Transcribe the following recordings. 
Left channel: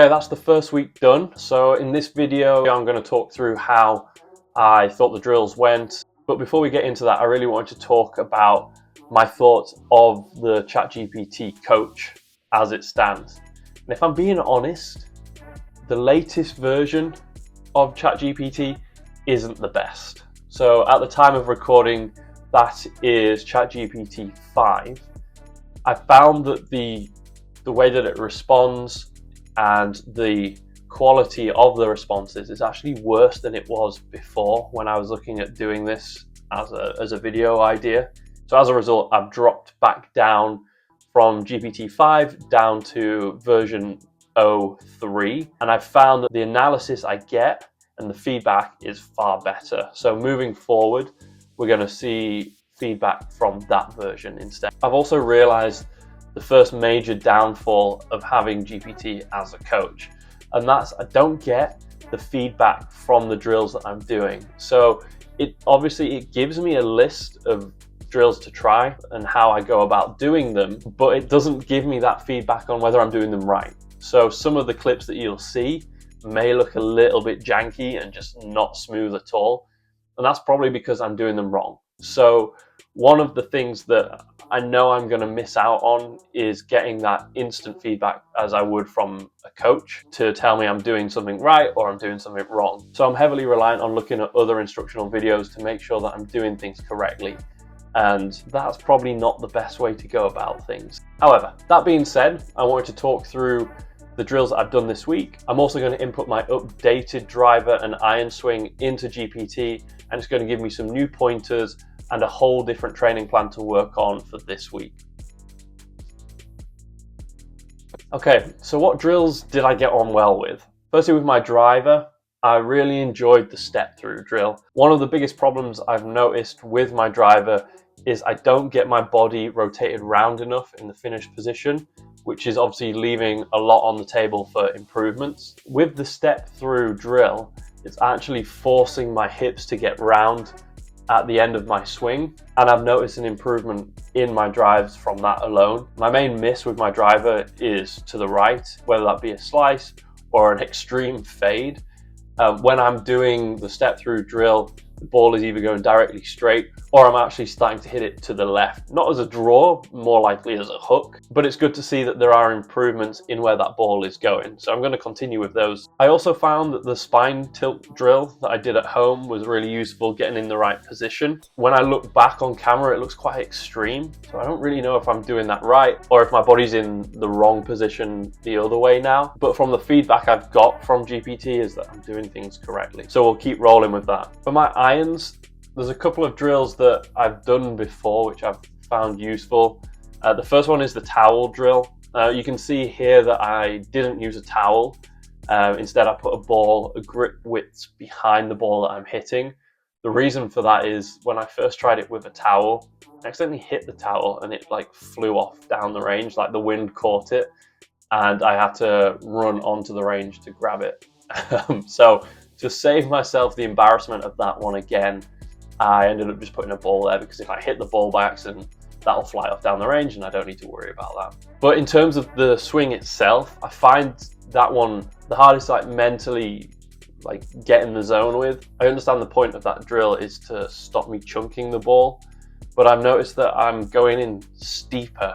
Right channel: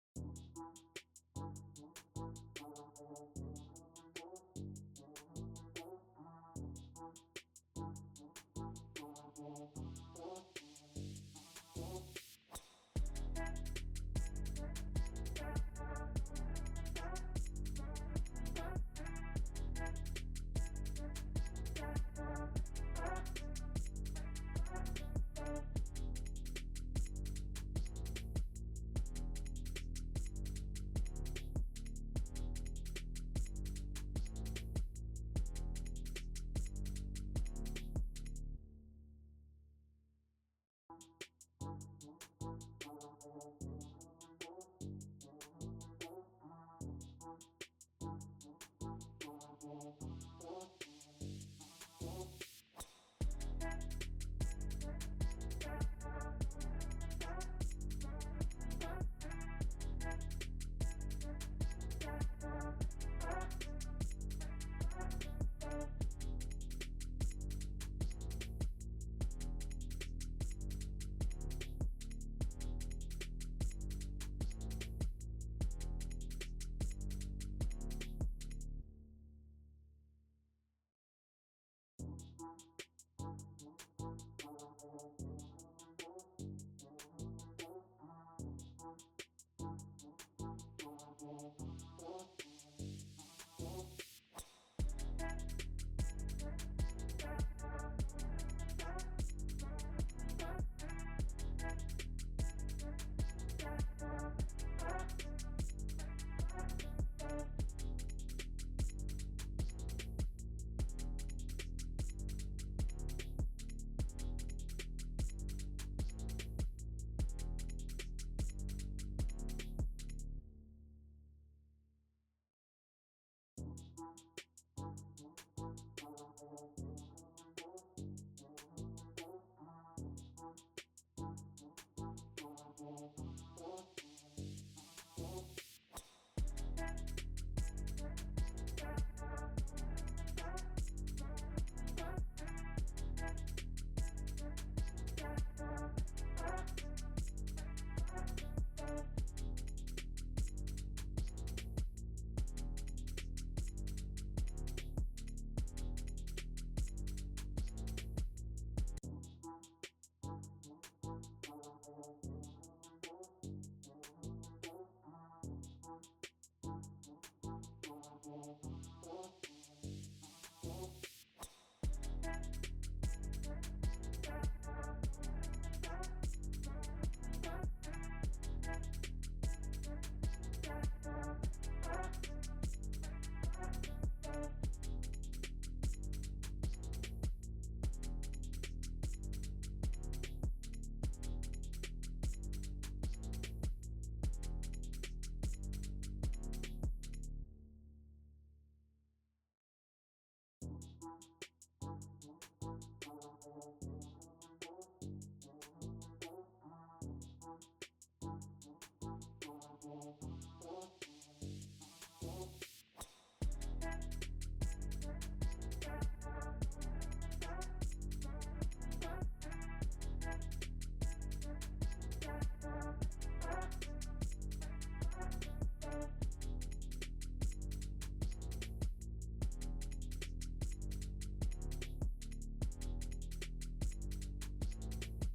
Okay, that's the first week done. So in this video, I'm going to talk through how I thought the drills went. But before we get into that, I really wanted to talk about my thoughts of the ChatGPT coach as it stands. And if I'm being honest, the latest version of ChatGPT isn't the best. So at the time of recording, that is ChatGPT 5. I found that the way that it responds and the quality of the responses is actually worse than it was before when I was looking at doing this as a video idea. So as a result, I've dropped back down from GPT-5 down to version 03, and I've found that the analysis I get and the feedback is far better. So moving forward, we're going to see feedback from that version instead. I've also realized the first major downfall of having GPT as a coach, and that's I don't get the feedback from the drills that I'm doing. So it gives me a list of drills to try and how I go about doing them, but it doesn't give me that feedback on whether I'm doing them right. So some of the clips that you'll see may look a little bit janky and just not smooth at all, and that's probably because I'm doing them wrong. So one of the things that I know I'm going to miss out on is getting that instant feedback as I would from a coach to tell me I'm doing something right or I'm doing something wrong. So I'm heavily reliant on looking at other instructional videos to make sure that I'm doing things correctly. And that's probably not the best way to go about things. However, that being said, I wanted to talk through the drills that I've done this week. I'm also going to input my updated driver and iron swing into GPT, and it's going to give me some new pointers and a whole different training plan to work on for this week. Okay, so what drills did I get on well with? Firstly, with my driver, I really enjoyed the step through drill. One of the biggest problems I've noticed with my driver is I don't get my body rotated round enough in the finished position, which is obviously leaving a lot on the table for improvements. With the step through drill, it's actually forcing my hips to get round at the end of my swing, and I've noticed an improvement in my drives from that alone. My main miss with my driver is to the right, whether that be a slice or an extreme fade. When I'm doing the step through drill, the ball is either going directly straight or I'm actually starting to hit it to the left. Not as a draw, more likely as a hook, but it's good to see that there are improvements in where that ball is going. So I'm going to continue with those. I also found that the spine tilt drill that I did at home was really useful getting in the right position. When I look back on camera, it looks quite extreme. So I don't really know if I'm doing that right or if my body's in the wrong position the other way now. But from the feedback I've got from GPT is that I'm doing things correctly. So we'll keep rolling with that. For my irons, there's a couple of drills that I've done before which I've found useful. The first one is the towel drill. You can see here that I didn't use a towel. Instead, I put a grip width behind the ball that I'm hitting. The reason for that is when I first tried it with a towel, I accidentally hit the towel and it like flew off down the range, like the wind caught it, and I had to run onto the range to grab it. So to save myself the embarrassment of that one again, I ended up just putting a ball there, because if I hit the ball by accident, that'll fly off down the range and I don't need to worry about that. But in terms of the swing itself, I find that one the hardest, like mentally, like get in the zone with. I understand the point of that drill is to stop me chunking the ball, but I've noticed that I'm going in steeper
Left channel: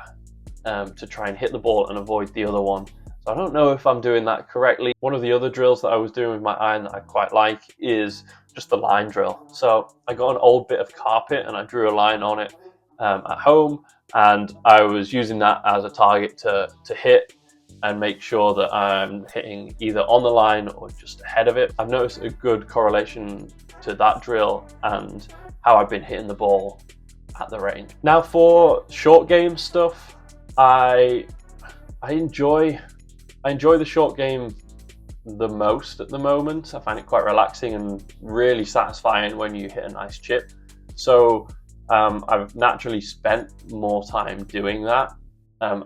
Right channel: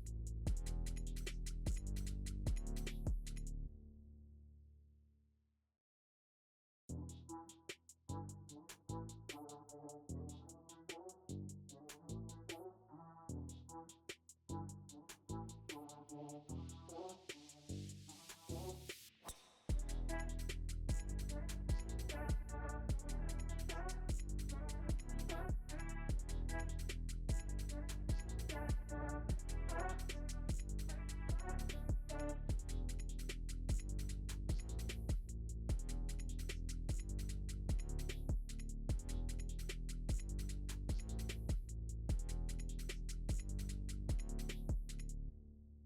to try and hit the ball and avoid the other one. So I don't know if I'm doing that correctly. One of the other drills that I was doing with my iron that I quite like is just the line drill. So I got an old bit of carpet and I drew a line on it at home, and I was using that as a target to hit and make sure that I'm hitting either on the line or just ahead of it. I've noticed a good correlation to that drill and how I've been hitting the ball at the range. Now for short game stuff, I enjoy the short game the most at the moment. I find it quite relaxing and really satisfying when you hit a nice chip. So I've naturally spent more time doing that.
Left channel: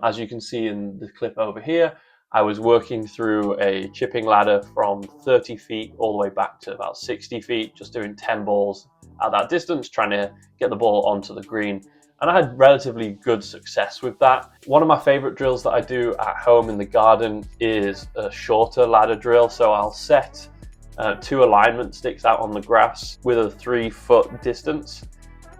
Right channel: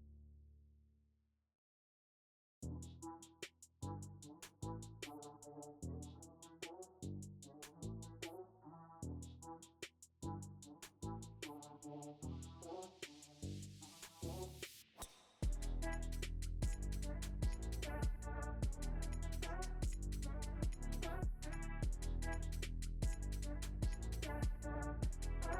As you can see in the clip over here, I was working through a chipping ladder from 30 feet all the way back to about 60 feet, just doing 10 balls at that distance, trying to get the ball onto the green. And I had relatively good success with that. One of my favorite drills that I do at home in the garden is a shorter ladder drill. So I'll set 2 alignment sticks out on the grass with a 3-foot distance.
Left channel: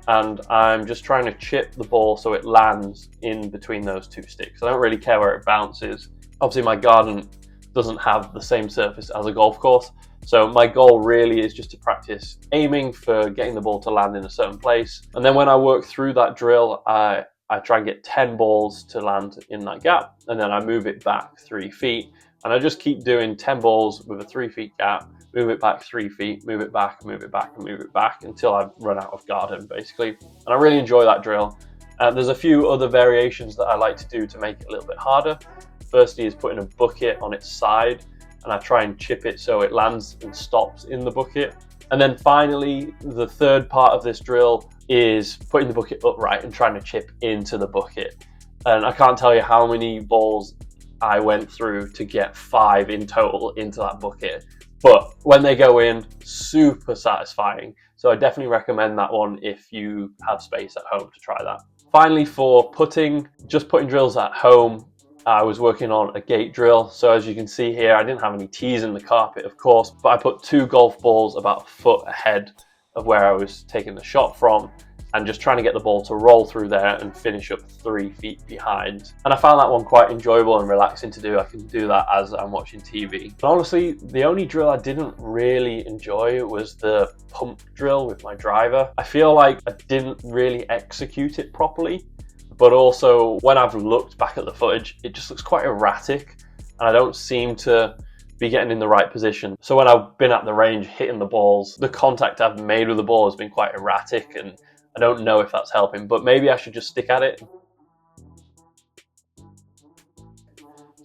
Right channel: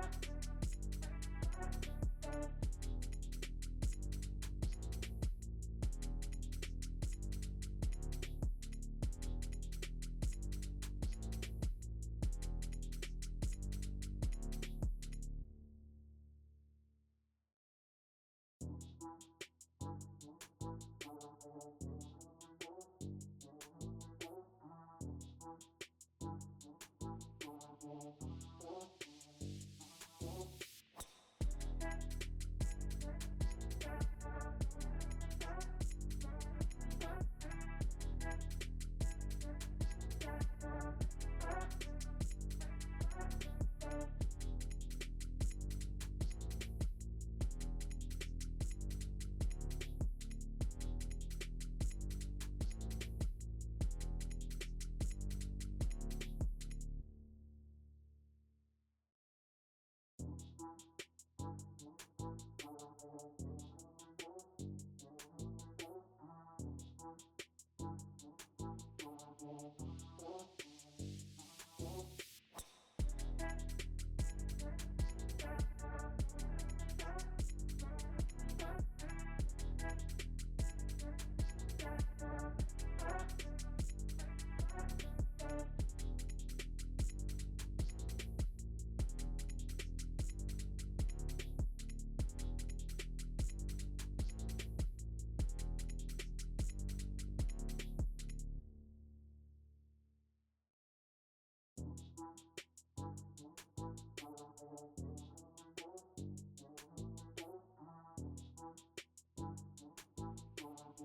And I'm just trying to chip the ball so it lands in between those 2 sticks. I don't really care where it bounces. Obviously my garden doesn't have the same surface as a golf course. So my goal really is just to practice aiming for getting the ball to land in a certain place. And then when I work through that drill, I try and get 10 balls to land in that gap. And then I move it back 3 feet. And I just keep doing 10 balls with a 3 feet gap, move it back 3 feet, move it back, move it back, and move it back until I've run out of garden, basically. And I really enjoy that drill. There's a few other variations that I like to do to make it a little bit harder. Firstly is putting a bucket on its side, and I try and chip it so it lands and stops in the bucket. And then finally, the third part of this drill is putting the bucket upright and trying to chip into the bucket. And I can't tell you how many balls I went through to get 5 in total into that bucket. But when they go in, super satisfying. So I definitely recommend that one if you have space at home to try that. Finally, for putting, just putting drills at home, I was working on a gate drill. So as you can see here, I didn't have any tees in the carpet, of course, but I put 2 golf balls about a foot ahead of where I was taking the shot from, and just trying to get the ball to roll through there and finish up 3 feet behind. And I found that one quite enjoyable and relaxing to do. I can do that as I'm watching TV. But honestly, the only drill I didn't really enjoy was the pump drill with my driver. I feel like I didn't really execute it properly, but also when I've looked back at the footage, it just looks quite erratic and I don't seem to be getting in the right position. So when I've been at the range hitting the balls, the contact I've made with the ball has been quite erratic, and I don't know if that's helping, but maybe I should just stick at it.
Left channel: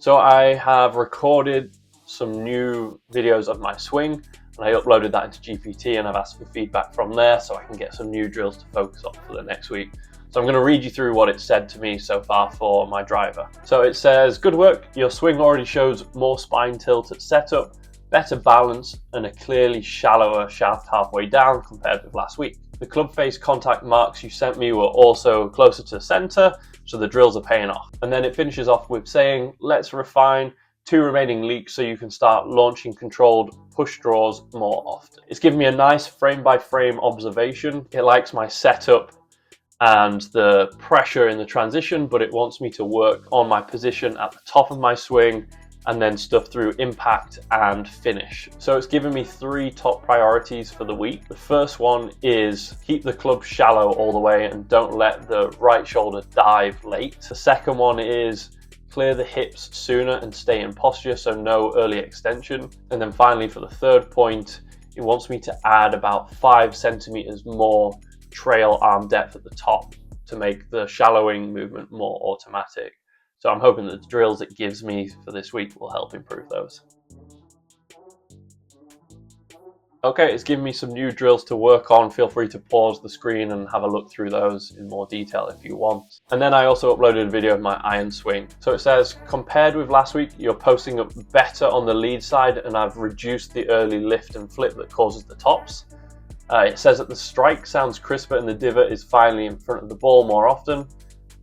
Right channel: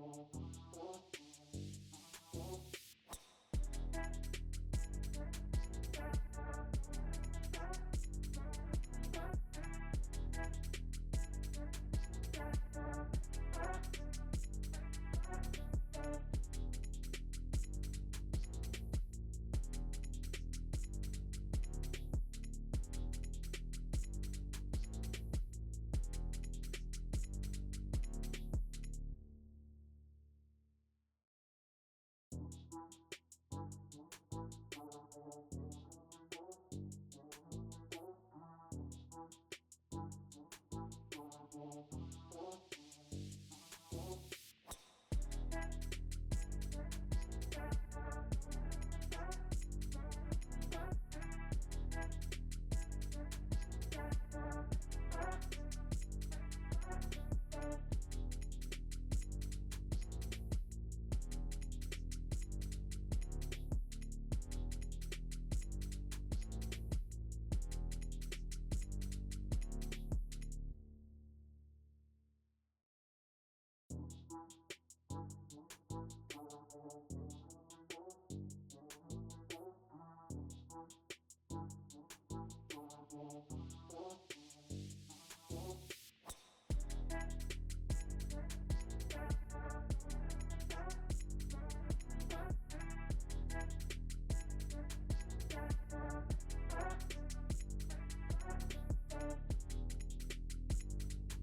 So I have recorded some new videos of my swing, and I uploaded that into GPT, and I've asked for feedback from there so I can get some new drills to focus on for the next week. So I'm going to read you through what it said to me so far for my driver. So it says, "Good work, your swing already shows more spine tilt at setup, better balance, and a clearly shallower shaft halfway down compared with last week. The club face contact marks you sent me were also closer to center, so the drills are paying off." And then it finishes off with saying, "Let's refine 2 remaining leaks so you can start launching controlled push draws more often." It's given me a nice frame-by-frame observation. It likes my setup and the pressure in the transition, but it wants me to work on my position at the top of my swing and then stuff through impact and finish. So it's given me 3 top priorities for the week. The first one is keep the club shallow all the way and don't let the right shoulder dive late. The second one is clear the hips sooner and stay in posture, so no early extension. And then finally, for the third point, it wants me to add about 5 centimeters more trail arm depth at the top to make the shallowing movement more automatic. So I'm hoping that the drills it gives me for this week will help improve those. Okay, it's given me some new drills to work on. Feel free to pause the screen and have a look through those in more detail if you want. And then I also uploaded a video of my iron swing. So it says, compared with last week, you're posting up better on the lead side, and I've reduced the early lift and flip that causes the tops. It says that the strike sounds crisper and the divot is finally in front of the ball more often.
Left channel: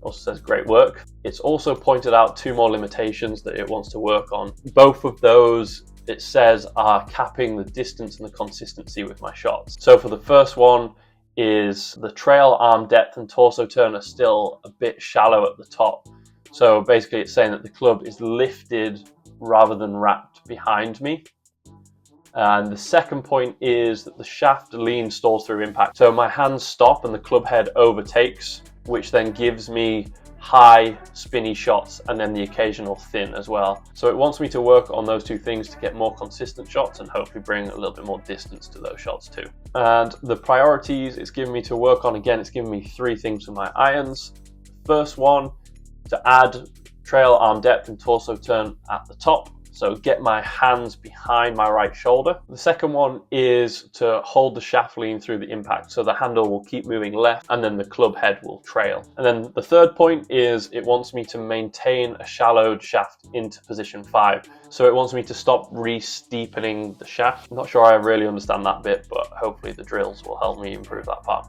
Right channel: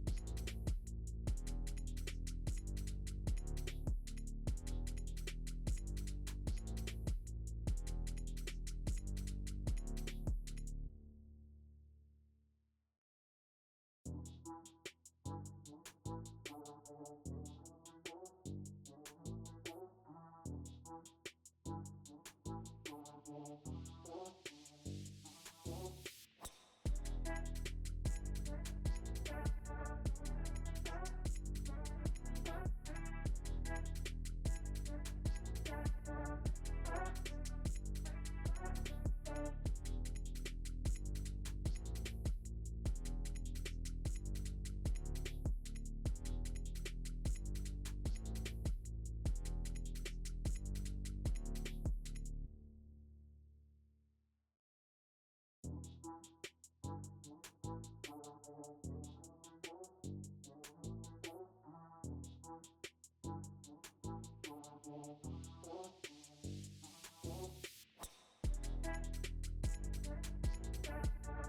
Also says great work. It's also pointed out 2 more limitations that it wants to work on. Both of those, it says, are capping the distance and the consistency with my shots. So for the first one is the trail arm depth and torso turn are still a bit shallow at the top. So basically it's saying that the club is lifted rather than wrapped behind me. And the second point is that the shaft lean stalls through impact. So my hands stop and the club head overtakes, which then gives me high spinny shots and then the occasional thin as well. So it wants me to work on those 2 things to get more consistent shots and hopefully bring a little bit more distance to those shots too. And the priorities it's given me to work on, again, it's given me 3 things for my irons. First one, to add trail arm depth and torso turn at the top. So get my hands behind my right shoulder. The second one is to hold the shaft lean through the impact, so the handle will keep moving left and then the club head will trail. And then the third point is it wants me to maintain a shallowed shaft into position 5. So it wants me to stop re-steepening the shaft. I'm not sure I really understand that bit, but hopefully the drills will help me improve that part.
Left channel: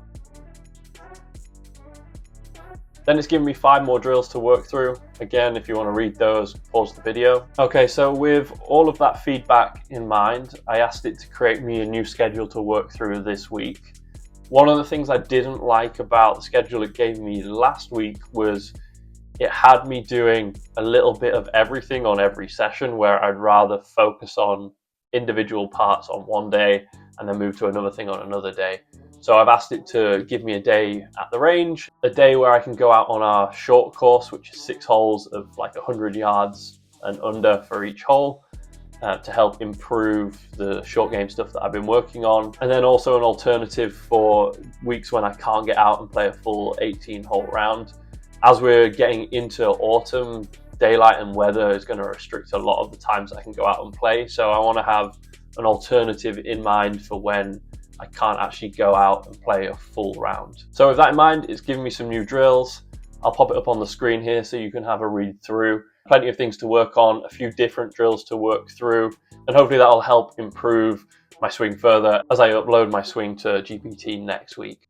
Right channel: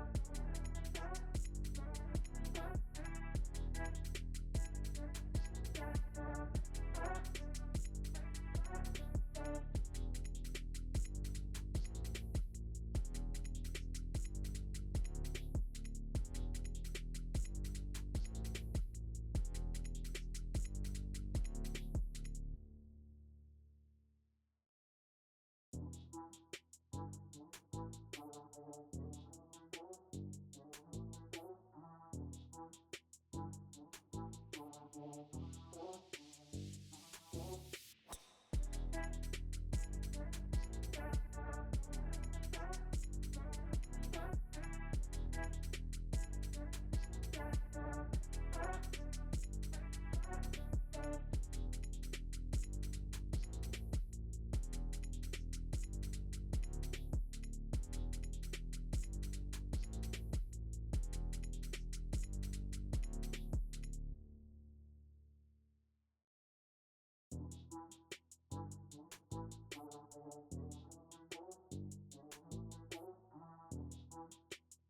Then it's giving me 5 more drills to work through. Again, if you want to read those, pause the video. Okay, so with all of that feedback in mind, I asked it to create me a new schedule to work through this week. One of the things I didn't like about the schedule it gave me last week was it had me doing a little bit of everything on every session, where I'd rather focus on individual parts on one day and then move to another thing on another day. So I've asked it to give me a day at the range, a day where I can go out on our short course, which is 6 holes of like 100 yards and under for each hole, to help improve the short game stuff that I've been working on. And then also an alternative for weeks when I can't get out and play a full 18-hole round. As we're getting into autumn, daylight and weather is going to restrict a lot of the times I can go out and play. So I want to have an alternative in mind for when I can't actually go out and play a full round. So with that in mind, it's giving me some new drills. I'll pop it up on the screen here so you can have a read through. Plenty of things to work on, a few different drills to work through, and hopefully that'll help improve my swing further as I upload my swing to GPT next week.